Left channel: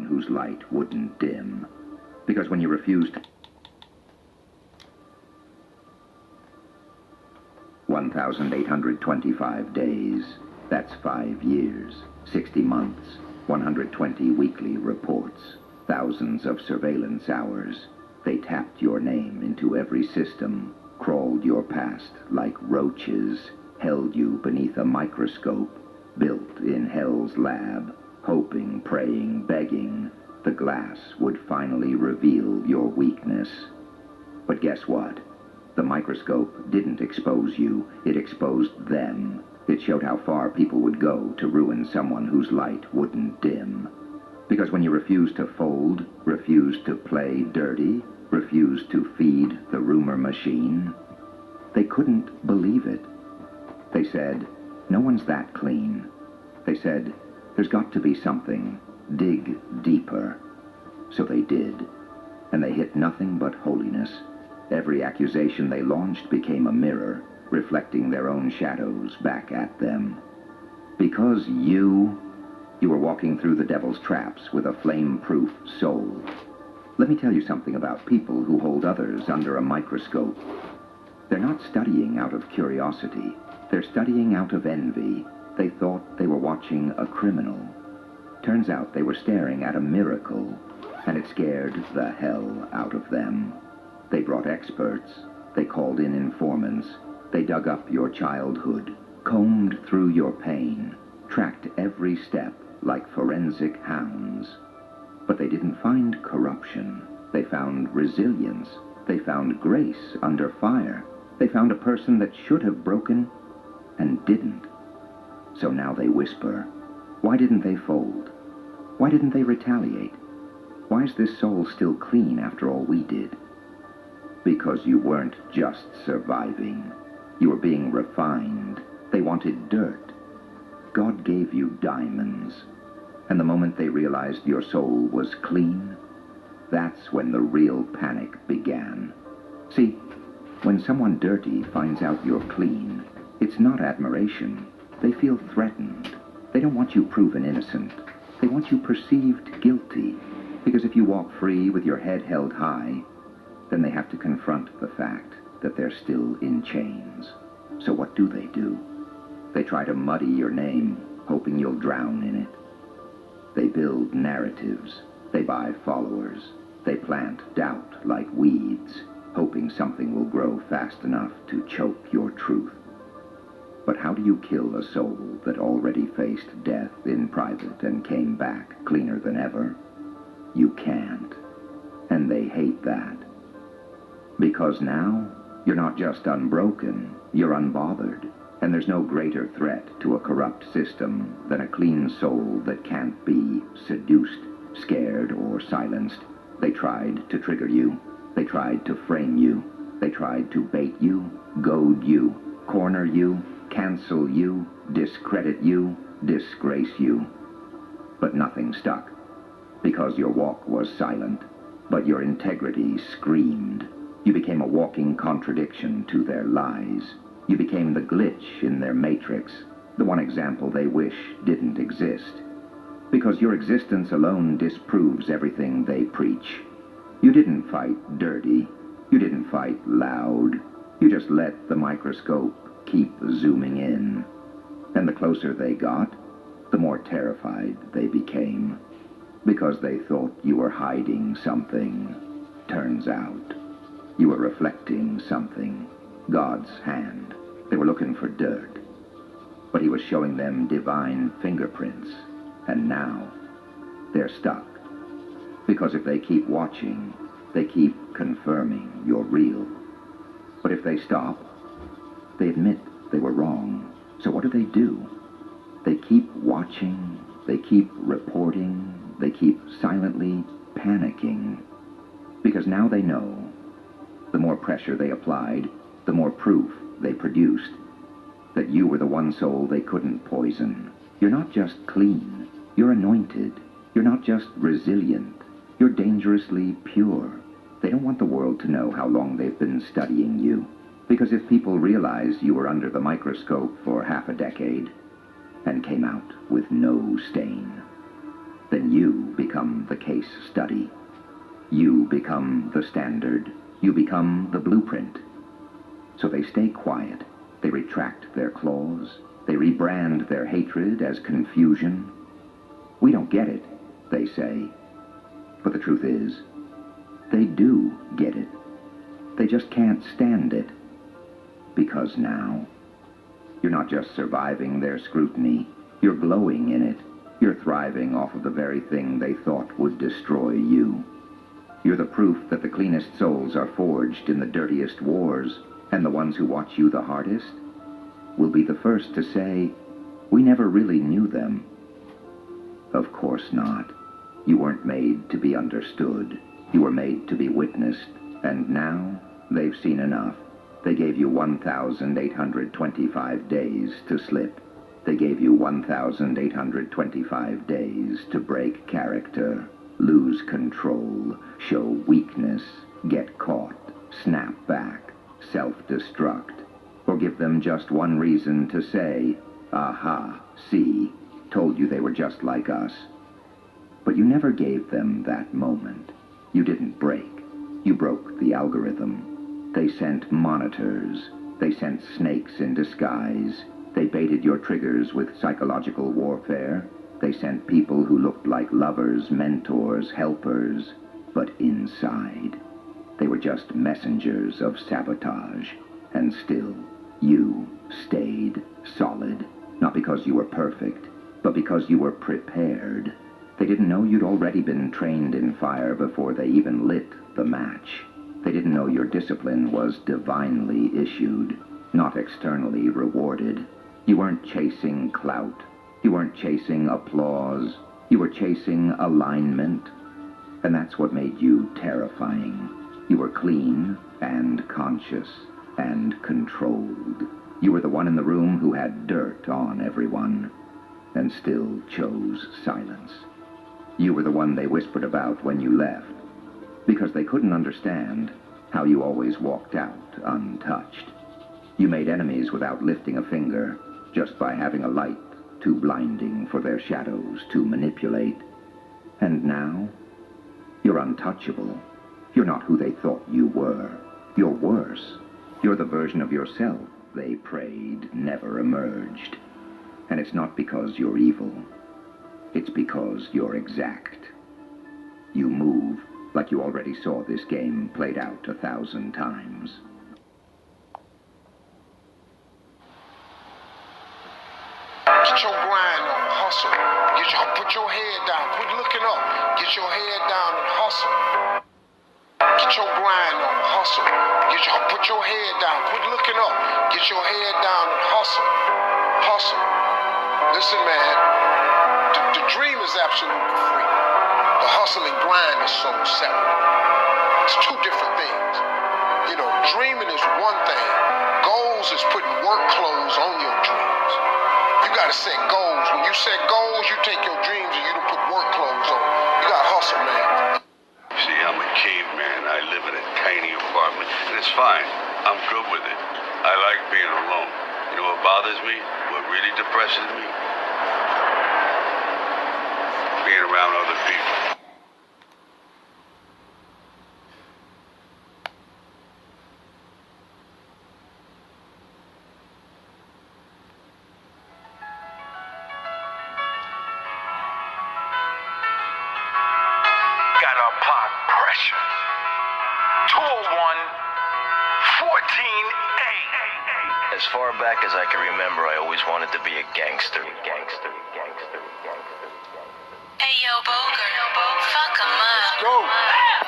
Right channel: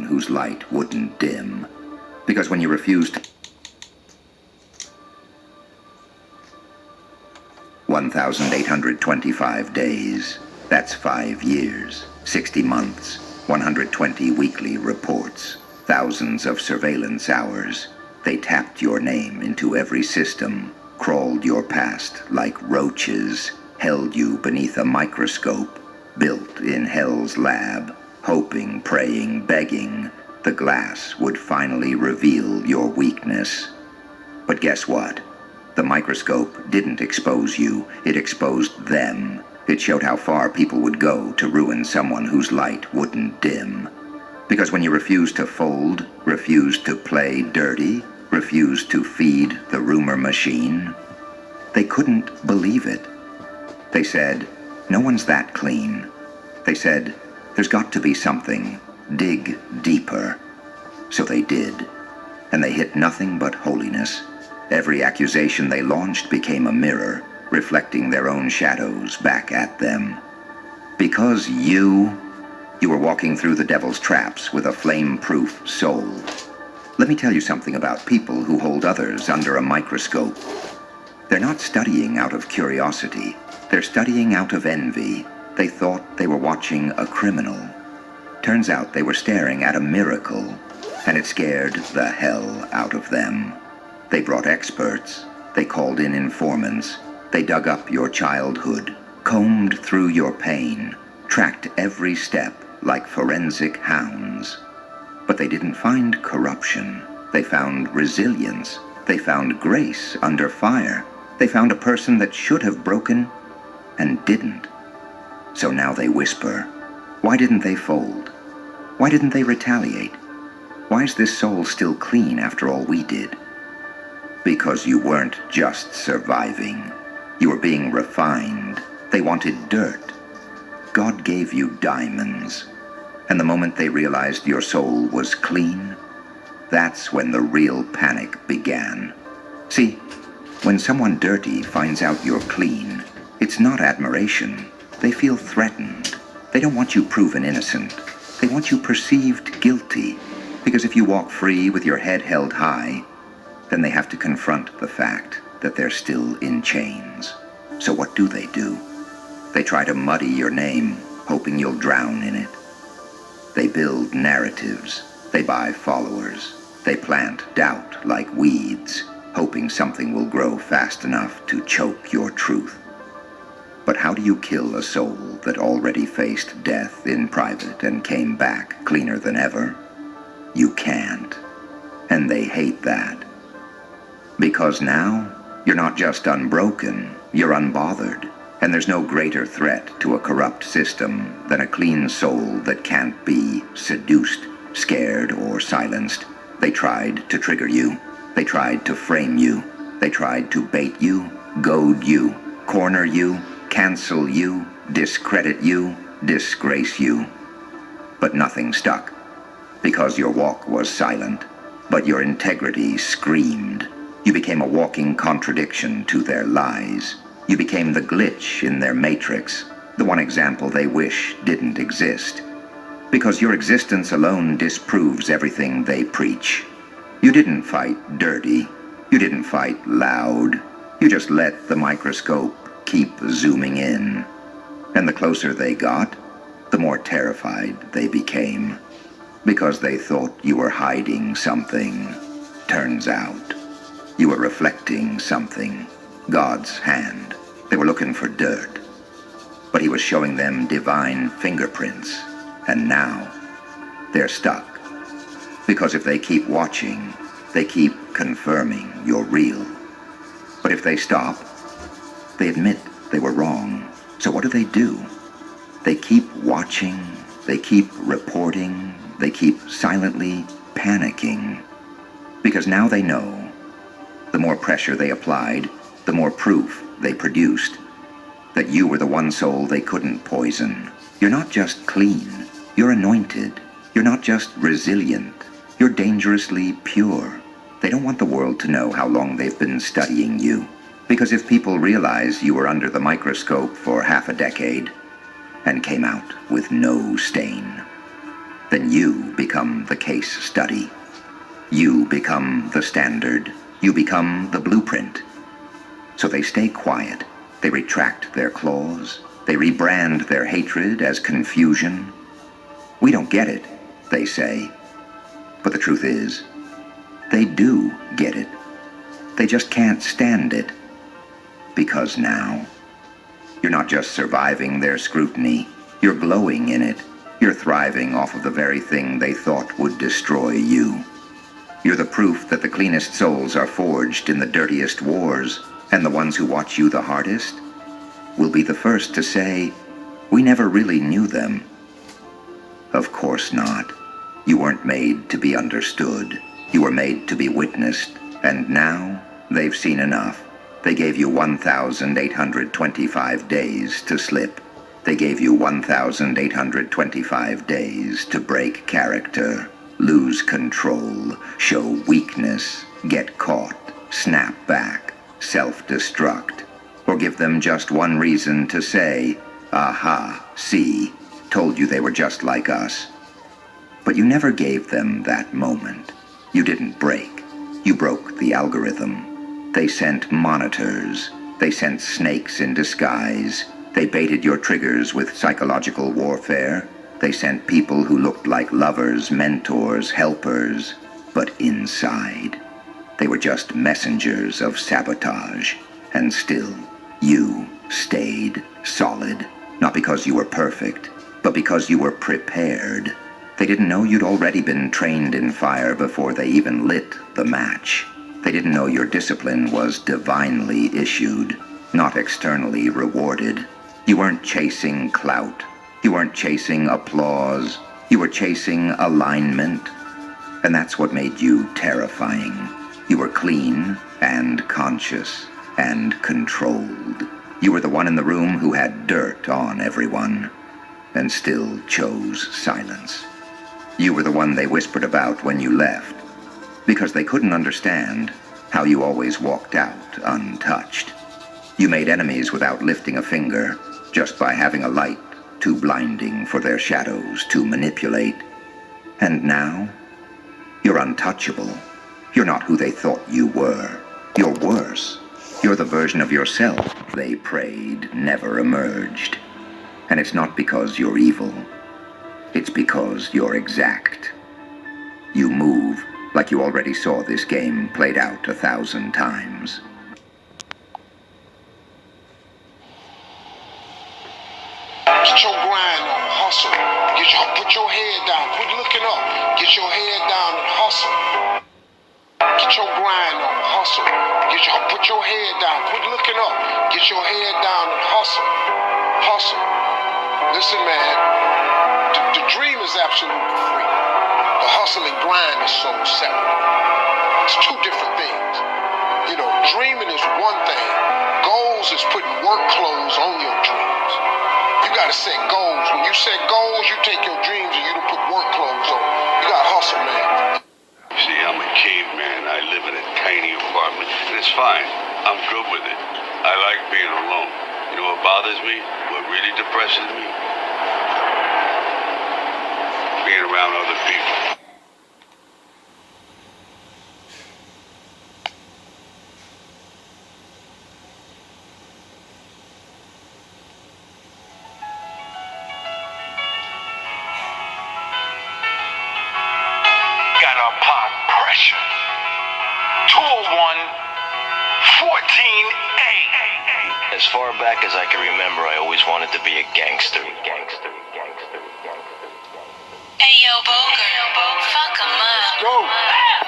someone whose light wouldn't dim. Because when you refused 1,825 days, that's 5 years, 60 months, 120 weekly reports, thousands of surveillance hours. They tapped your name into every system, crawled your past like roaches, held you beneath a microscope, built in hell's lab, hoping, praying, begging, the glass would finally reveal your weakness. But guess what? The microscope didn't expose you, it exposed them. It showed how far people would go to ruin someone whose light wouldn't dim. Because when you refused to fold, refused to play dirty, refused to feed the rumor machine, they couldn't believe it. They said, no one's that clean. They said, there's got to be something. Dig deeper. So they did. And they hit nothing but holiness. Every accusation they launched became a mirror, reflecting their own shadows back at them. Because you were walking through the devil's traps with a flame-proof soul. Let me tell you something about people who hold others under a microscope. They're not studying out of curiosity. They're studying out of envy. They thought they were watching a criminal. Turns out they were staring at a miracle, and it scared the hell out of them. They brought experts. They called in informants. They dug up your childhood, combed through your pain, tracked every step like forensic hounds. But they didn't find corruption. They found resilience. They found grace under fire. They found a person that should have broken and didn't. So now they whisper, why didn't they fold? Why didn't they retaliate? Why is this soul still clean after all we did? Because you weren't just surviving. You were being refined. They wanted dirt. God gave you diamonds. And the moment they realized your soul was clean, that's when the real panic began. See, when someone dirty finds out you're clean, it's not admiration. They feel threatened. They don't want you proven innocent. They want you perceived guilty. Because if you walk free with your head held high, then they have to confront the fact that they're still in chains. So what do? They try to muddy your name, hoping you'll drown in it. They build narratives. They buy followers. They plant doubt like weeds, hoping something will grow fast enough to choke your truth. But how do you kill a soul that already faced death in private and came back cleaner than ever? You can't. And they hate that. Because now, you're not just unbroken, you're unbothered. And there's no greater threat to a corrupt system than a clean soul that can't be seduced, scared, or silenced. They tried to trigger you. They tried to frame you. They tried to bait you, goad you, corner you, cancel you, discredit you, disgrace you. But nothing stuck, because your walk was silent, but your integrity screamed. You became a walking contradiction to their lies. You became the glitch in their matrix, the one example they wish didn't exist. Because your existence alone disproves everything they preach. You didn't fight dirty. You didn't fight loud. You just let the microscope keep zooming in. And the closer they got, the more terrified they became. Because they thought you were hiding something. Turns out, you were reflecting something. God's hand. They were looking for dirt. But he was showing them divine fingerprints. And now, they're stuck. Because if they keep watching, they keep confirming you're real. But if they stop, they admit they were wrong. So what do? They keep watching, they keep reporting, they keep silently panicking. Because now they know. The more pressure they applied, the more proof they produced that you were the one soul they couldn't poison. You're not just clean, you're anointed. You're not just resilient, you're dangerously pure. They don't want the world to know how long they've been studying you. Because if people realize you were under the microscope for half a decade and came out with no stain, then you become the case study. You become the standard. You become the blueprint. So they stay quiet. They retract their claws. They rebrand their hatred as confusion. We don't get it, they say. But the truth is, they do get it. They just can't stand it. Because now, you're not just surviving their scrutiny, you're glowing in it. You're thriving off of the very thing they thought would destroy you. You're the proof that the cleanest souls are forged in the dirtiest wars, and the ones who watch you the hardest will be the first to say, we never really knew them. Of course not. You weren't made to be understood. You were made to be witnessed, and now they've seen enough. They gave you 1,825 days to slip. They gave you 1,825 days to break character, lose control, show weakness, get caught, snap back, self-destruct, or give them just one reason to say, aha, see, told you they were just like us. But you never gave them that moment. You didn't break. You broke the algorithm. They sent monitors. They sent snakes in disguise. They baited your triggers with psychological warfare. They sent people who looked like lovers, mentors, helpers. But inside, they were just messengers of sabotage. And still, you stayed solid. Not because you were perfect, but because you were prepared. They didn't know you'd already been trained in fire before they even lit the match. They didn't know your discipline was divinely issued, not externally rewarded. You weren't chasing clout. You weren't chasing applause. You were chasing alignment. And that's what made you terrifying. You were clean and conscious and controlled. You were the one in the room who had dirt on everyone and still chose silence. You were the one they whispered about when you left, because they couldn't understand how you always walked out untouched. You made enemies without lifting a finger, just by having a light too blinding for their shadows to manipulate. And now, you're untouchable. You're not who they thought you were. You're worse. You're the version of yourself they prayed never emerged. And it's not because you're evil. It's because you're exact. You move like you already saw this game played out 1,000 times. Get your grind on, hustle. Put your head down, quit looking up. Get your head down and hustle. Get your grind on, hustle. Put your head down, quit looking up. Get your head down and hustle. Hustle. Listen, man, the dream is absolutely free. The hustle and grind is so separate. It's two different things. You know, dreaming is one thing. Goals is putting work clothes on your dreams. You gotta set goals. When you set goals, you take your dreams and you don't put work clothes on. You gotta hustle, man. See, I'm a caveman. I live in a tiny apartment, and it's fine. I'm good with it. I like being alone. You know what bothers me? What really depresses me? Being around other people. Gotta apply pressure. 201 14A. As far back as I can remember, I always wanted to be a gangster. Hey yo, Boger, fuck 'em up. Go.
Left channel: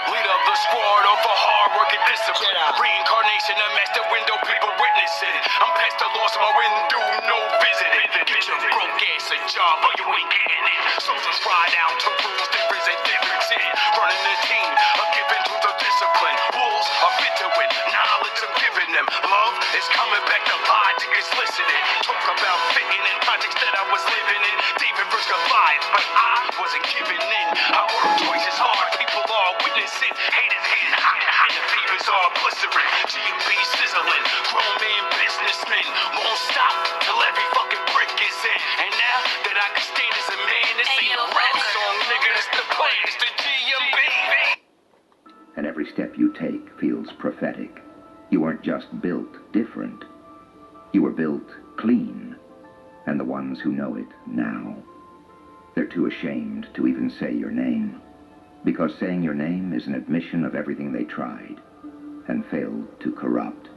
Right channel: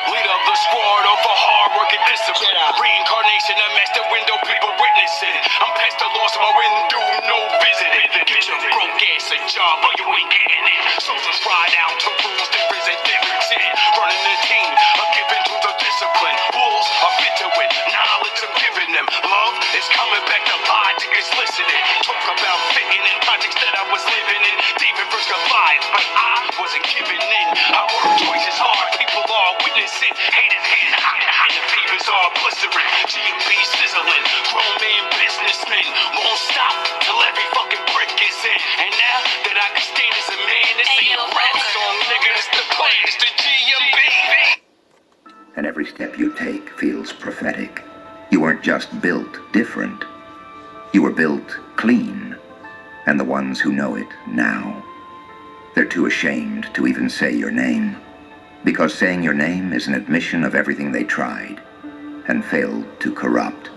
Leader of the squad of a hard working discipline. Reincarnation, a master window, people witnessing. I'm past the loss of my window, no visiting. Get your broke ass a job, but you ain't getting it. So just ride out to rules, there is a difference in it. Running the team, I'm giving to the discipline. Wolves are fit to it, knowledge I'm giving them. Love is coming back to logic, is listening. Talk about fitting in projects that I was living in. David versus Goliath, but I wasn't giving in. I work twice as hard, people are witnessing. Haters getting high. and every step you take feels prophetic. You weren't just built different. You were built clean, and the ones who know it now, they're too ashamed to even say your name, because saying your name is an admission of everything they tried and failed to corrupt.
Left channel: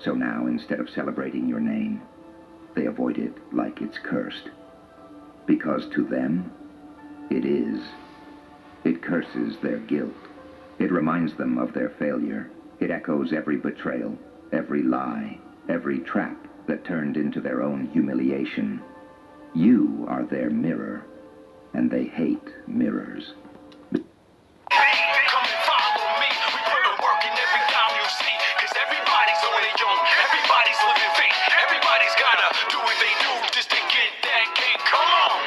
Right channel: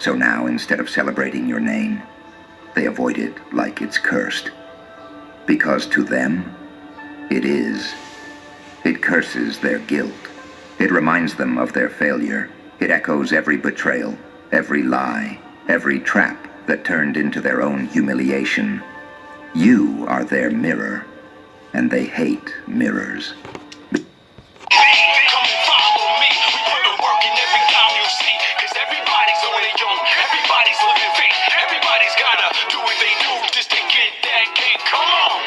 So now, instead of celebrating your name, they avoid it like it's cursed. Because to them, it is. It curses their guilt. It reminds them of their failure. It echoes every betrayal, every lie, every trap that turned into their own humiliation. You are their mirror, and they hate mirrors. Come and follow me. We put the work in every dime you see. Cause everybody's on their own. Everybody's living fake. Everybody's gotta do what they do just to get that cake. Come on.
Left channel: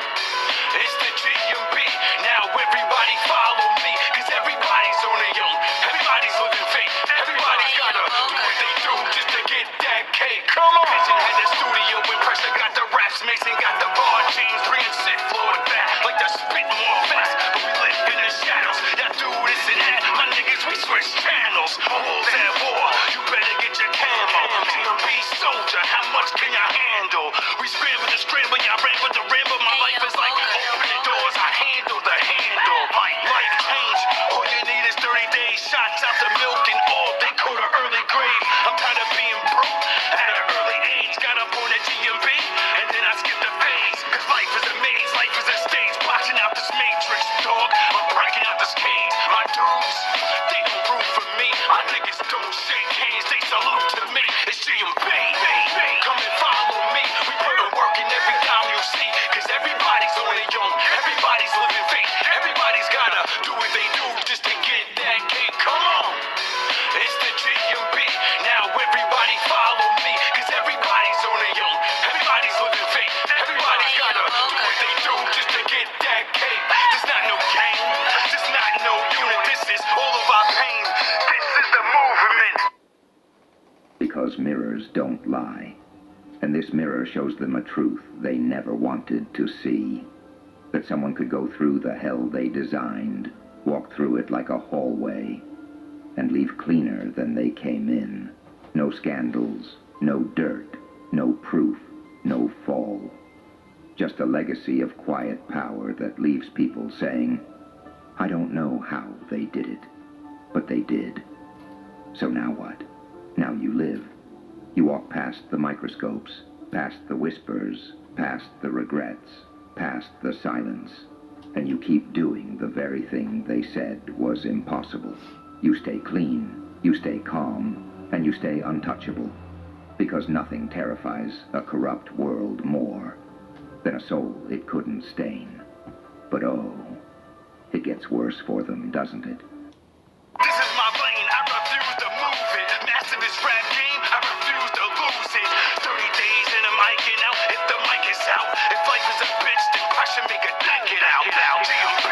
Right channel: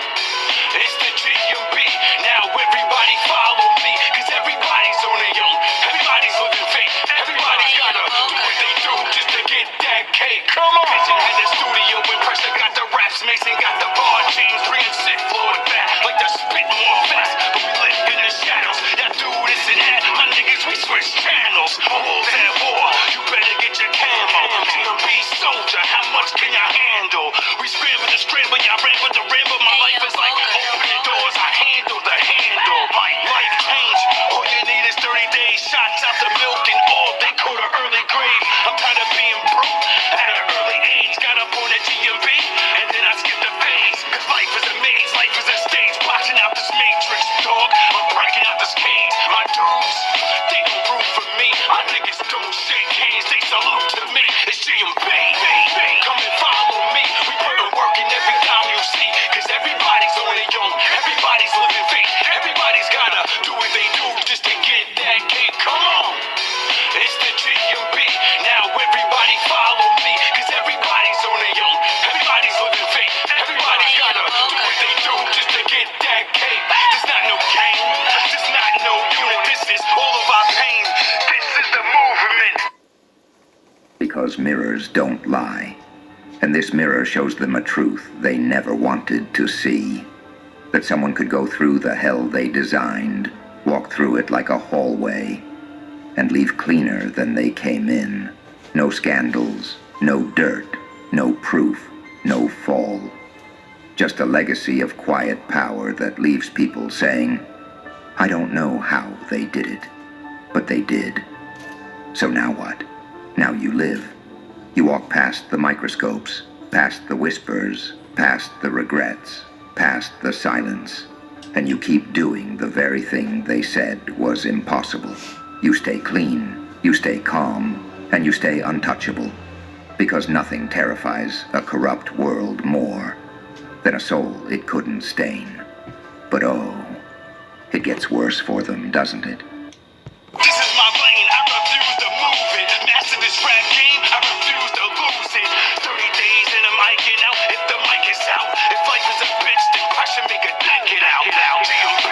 It's the GMB. Now everybody follow me. Cause everybody's on their own. Everybody's living fake. Everybody's gotta do what they do just to get that cake. Come on. Mason in the studio with pressure. Got the raps. Mason got the bar. James bringing sick floor to back. Like the spit more fast. But we live in the shadows. That do this and that. My niggas, we switch channels. Almost at war. You better get your camo. GMB soldier. How much can y'all handle? We scramble the scramble. Y'all ran with the ramble. My life is like opening doors. I handle the handle. Life change. All you need is 30 days. Shots out the milk and all. They call the early grave. I'm tired of being broke at an early age. Got up on that GMB and then I skipped the phase. Cause life is a maze. Life is a stage. Watching out this matrix, dog. I'm breaking out this cage. My dudes, they don't root for me. My niggas don't shake hands. They salute to me. It's GMB. Come and follow me. We put the work in every dime you see. Cause everybody's on their own. Everybody's living fake. Everybody's gotta do what they do just to get that cake. Come on. It's the GMB. Now everybody follow me. Cause everybody's on their own. Everybody's living fake. Everybody's gotta do what they do just to get that cake. There's not no game. There's not no unit. This is all of our pain. This is the movement. Because mirrors don't lie. And this mirror shows them a truth they never wanted to see. That someone could go through the hell they designed, walk through it like a hallway, and leave cleaner than they came in. No scandals, no dirt, no proof, no fall. Just a legacy of quiet power that leaves people saying, I don't know how they did it, but they did. So now what? Now you live. You walk past the microscopes, past the whispers, past the regrets, past the silence, and you keep doing the very thing they said was impossible. You stay clean, you stay calm, and you stay untouchable, because nothing terrifies a corrupt world more than a soul it couldn't stain. But oh, it gets worse for them, doesn't it? This is my lane, I refuse to move it. Master this rap game, I refuse to lose it. 30 days and I'm miking out, if the mic is out. If life is a bitch, then pressure make a dick it out. GMB,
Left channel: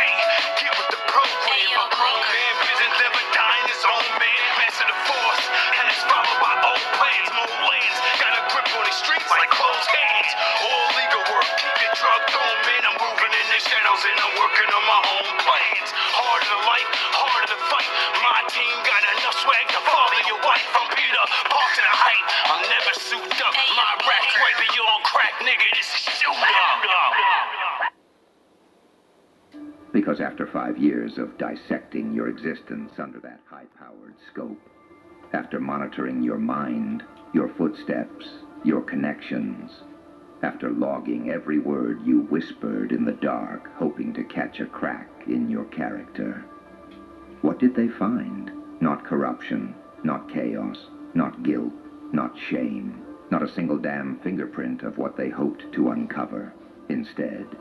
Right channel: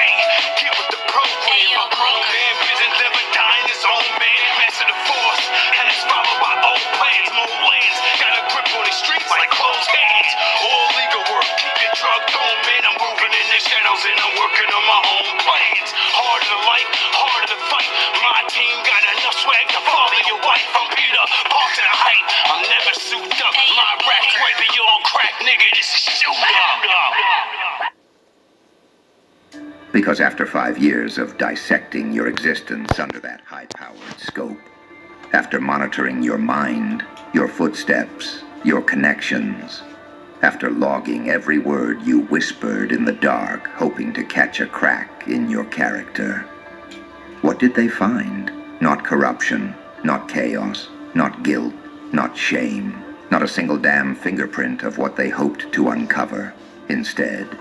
get with the program. My grown man, vision never dying his own man. Master the force, and it's followed by old plans. More lands, got a grip on the streets like closed hands. All legal work, keep your drug on, man. I'm moving in the shadows and I'm working on my own plans. Harder to life, harder to fight. My team got enough swag to father your wife. I'm Peter, part to the height. I'm never souped up. My rap's way beyond crack, nigga. This is shoot up. Because after 5 years of dissecting your existence under that high-powered scope, after monitoring your mind, your footsteps, your connections, after logging every word you whispered in the dark, hoping to catch a crack in your character, what did they find? Not corruption, not chaos, not guilt, not shame, not a single damn fingerprint of what they hoped to uncover. Instead,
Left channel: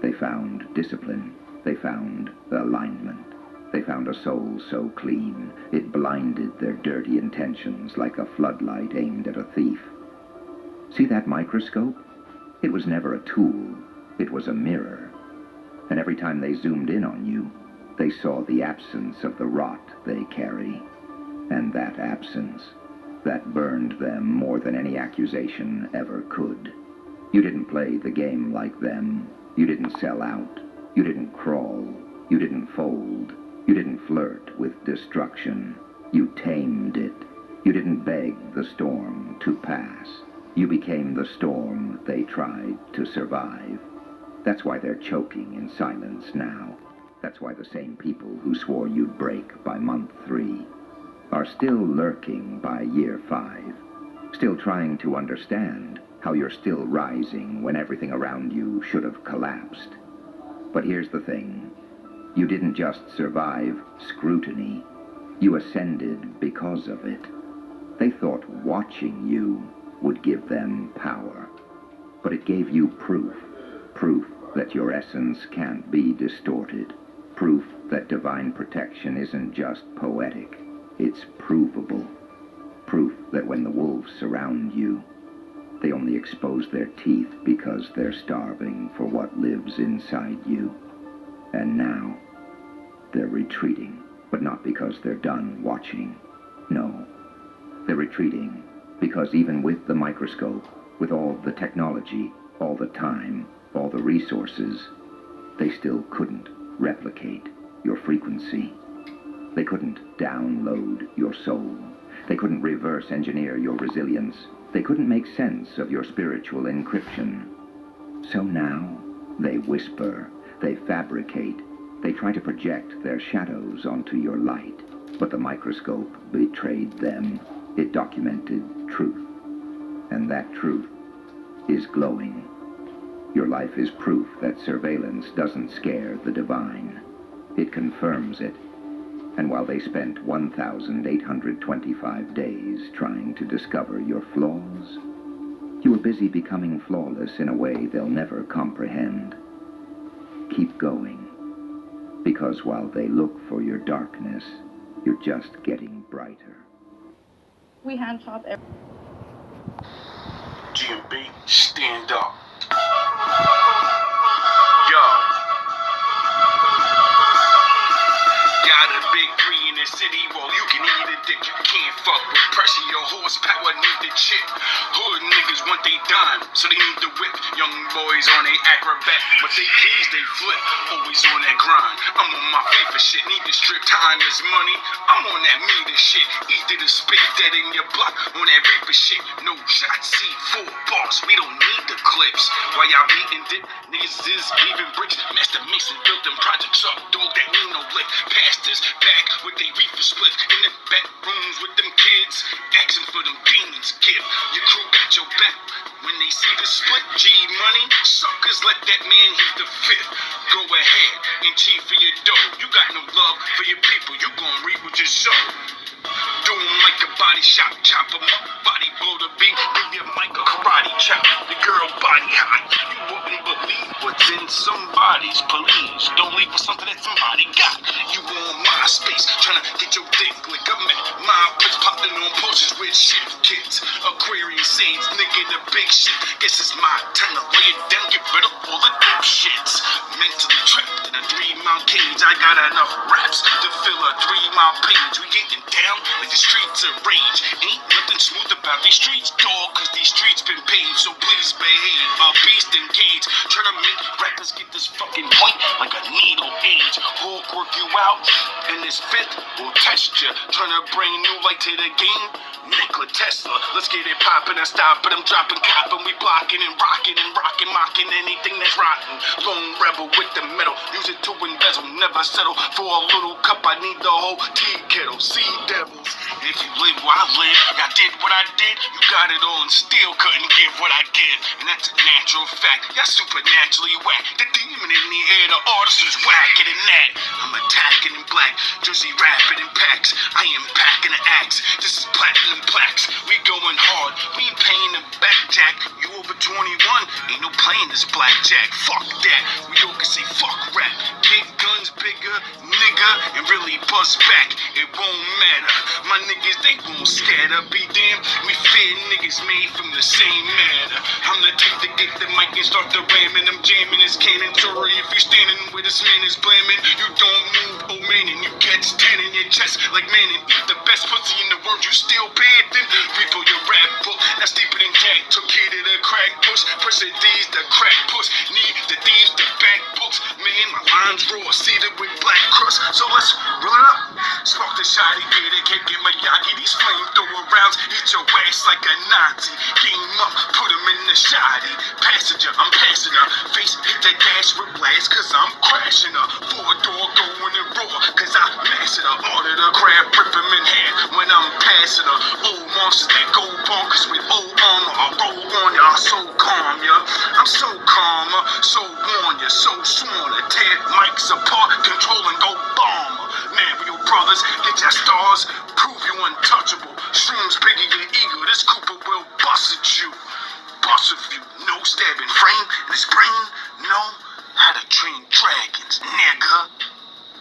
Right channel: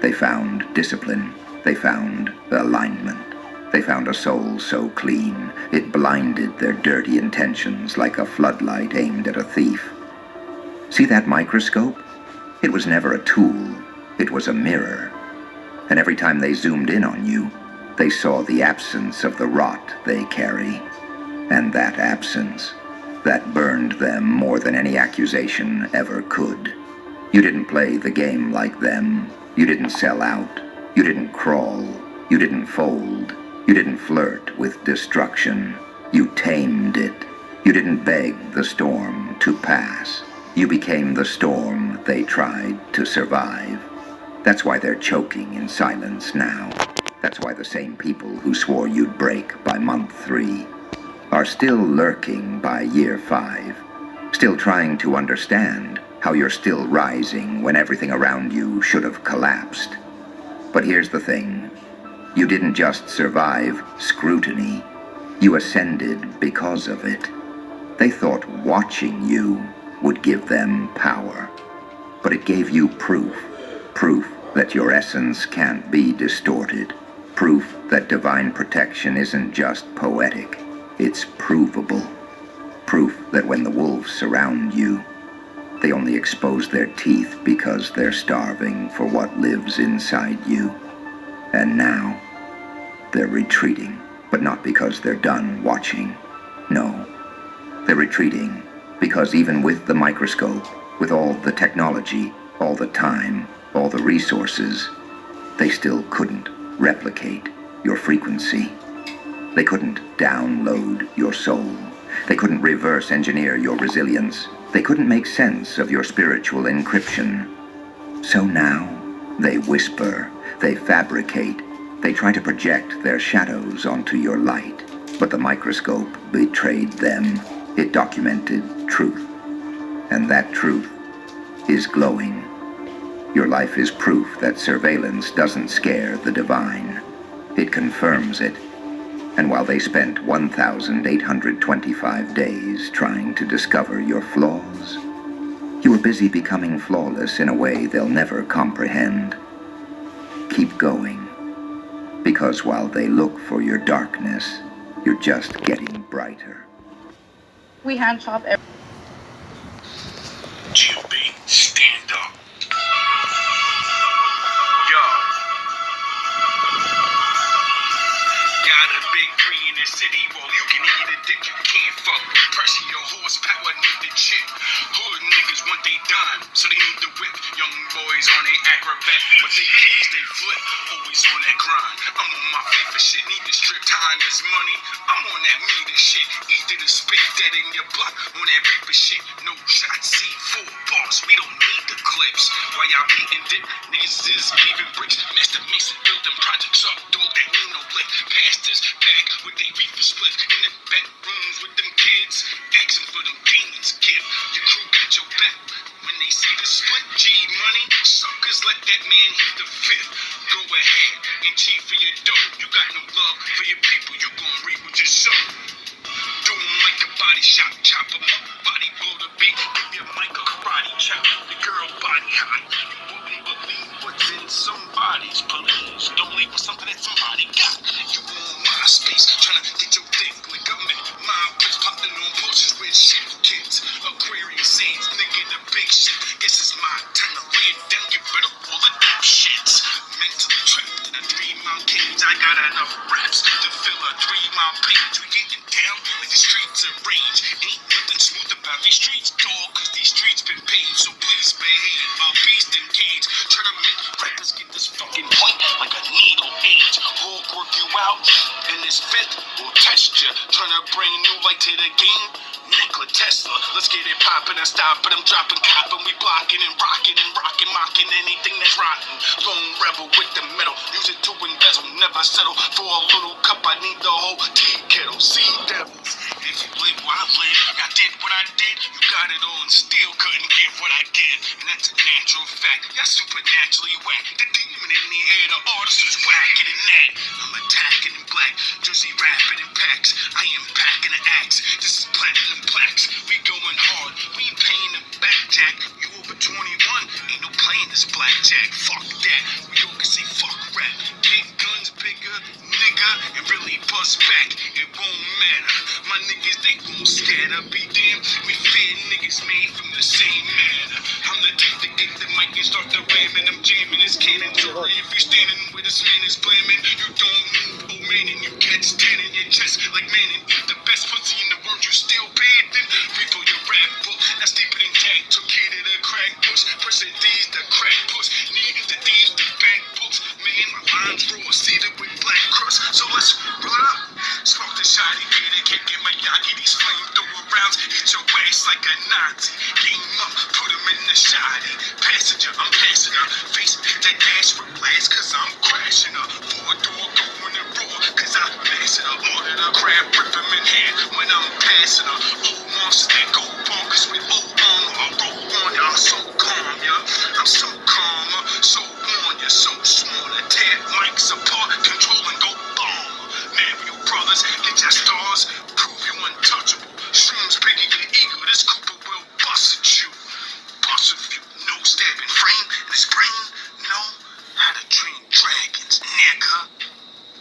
they found discipline. They found alignment. They found a soul so clean, it blinded their dirty intentions like a floodlight aimed at a thief. See that microscope? It was never a tool. It was a mirror. And every time they zoomed in on you, they saw the absence of the rot they carry. And that absence, that burned them more than any accusation ever could. You didn't play the game like them. You didn't sell out. You didn't crawl. You didn't fold. You didn't flirt with destruction. You tamed it. You didn't beg the storm to pass. You became the storm they tried to survive. That's why they're choking in silence now. That's why the same people who swore you'd break by month 3 are still lurking by year 5, still trying to understand how you're still rising when everything around you should have collapsed. But here's the thing. You didn't just survive scrutiny. You ascended because of it. They thought watching you would give them power. But it gave you proof. Proof that your essence can't be distorted. Proof that divine protection isn't just poetic. It's provable. Proof that when the wolves surround you, they only expose their teeth because they're starving for what lives inside you. And now, they're retreating, but not because they're done watching. No, they're retreating because even with the microscope, with all the technology, all the time, all the resources, they still couldn't replicate your frequency. They couldn't download your soul. They couldn't reverse engineer your resilience. They couldn't make sense of your spiritual encryption. So now, they whisper, they fabricate, they try to project their shadows onto your light. But the microscope betrayed them. It documented truth. And that truth is glowing. Your life is proof that surveillance doesn't scare the divine. It confirms it. And while they spent 1,825 days trying to discover your flaws, you were busy becoming flawless in a way they'll never comprehend. Keep going, because while they look for your darkness, you're just getting brighter. We hand shop every GMB, stand up. Yo. Got a big tree in the city, well, you can eat a dick. You can't fuck with pressure, your horsepower need the chip. Hood niggas want they dime, so they need the whip. Young boys on they acrobat, but they keys they flip. Always on that grind. I'm on my feet for shit, need to strip. Time is money. I'm on that meter shit. Either to spit that in your block on that reaper shit. No shots, C4 boss. We don't need the clips. While y'all beating dick, niggas is leaving bricks. Master Mason built them projects up. Dog that need no lick. Pastors back with they reefer split in the back rooms with them kids. Asking for them demons. Give your crew got your back. When they see the split G money, suckers let that man hit the fifth. Go ahead and cheat for your dough. You got no love for your people. You gon' reap what you sow. Do 'em like a body shop, chop 'em up, body blow the beat, give your mic a karate chop, the girl body hot, you wouldn't believe what's in somebody's police, don't leave for something that somebody got, you on MySpace, tryna get your dick lick, I'm at my place, popping on posters with shit kids, Aquarius sage, nigga the big shit, guess it's my turn to lay it down, get rid of all the dope shits, mentally trapped in a 3-mile cage, I got enough raps to fill a 3-mile page, we getting down like the streets of rage. Ain't nothing smooth about these streets, dog, cause these streets been paved, so please behave. A beast engaged, tryna make rappers get this fucking point like a needle age. Hulk work you out, and this fifth will test ya. Tryna bring new light to the game. Nikola Tesla, let's get it poppin' and stop it. I'm dropping cop and we blocking and rocking, mocking anything that's rotten. Lone rebel with the metal, use it to embezzle, never settle for a little cup. I need the whole tea kettle. See devils, if you live where I live, I did what I did. You got it all and still couldn't give what I give, and that's a natural fact. Y'all supernaturally whack. The demon in the air, the artist is whacking in that. I'm attacking in black, Jersey rapping in packs. I am packing an axe. This is platinum plaques. We going hard. We ain't paying the back, Jack. You over 21? Ain't no playing this blackjack. Fuck that. We all can say fuck rap. Big guns, bigger, nigga, and really bust back. It won't matter. My niggas, they won't scatter. Be damned. We fear niggas made from the same matter. I'm the type to get the mic and start the ramming. I'm jamming this cannon. Sorry if you standing where this man is blaming. You don't move, oh man, and you catch 10 in your chest like man. And eat the best pussy in the world. You still panting. Refill your rap book. That's deeper than Jack. Took care to the crack push. Pressure D's, the crack push. Need the D's, the back books. Man, my lines raw. Seated with black crust. So let's the shotty, get it, can't get my yaki. These flamethrower rounds hit your ass like a Nazi. Game up, put him in the shotty. Passenger, I'm passing her. Face hit that dash with blast, cause I'm crashing her.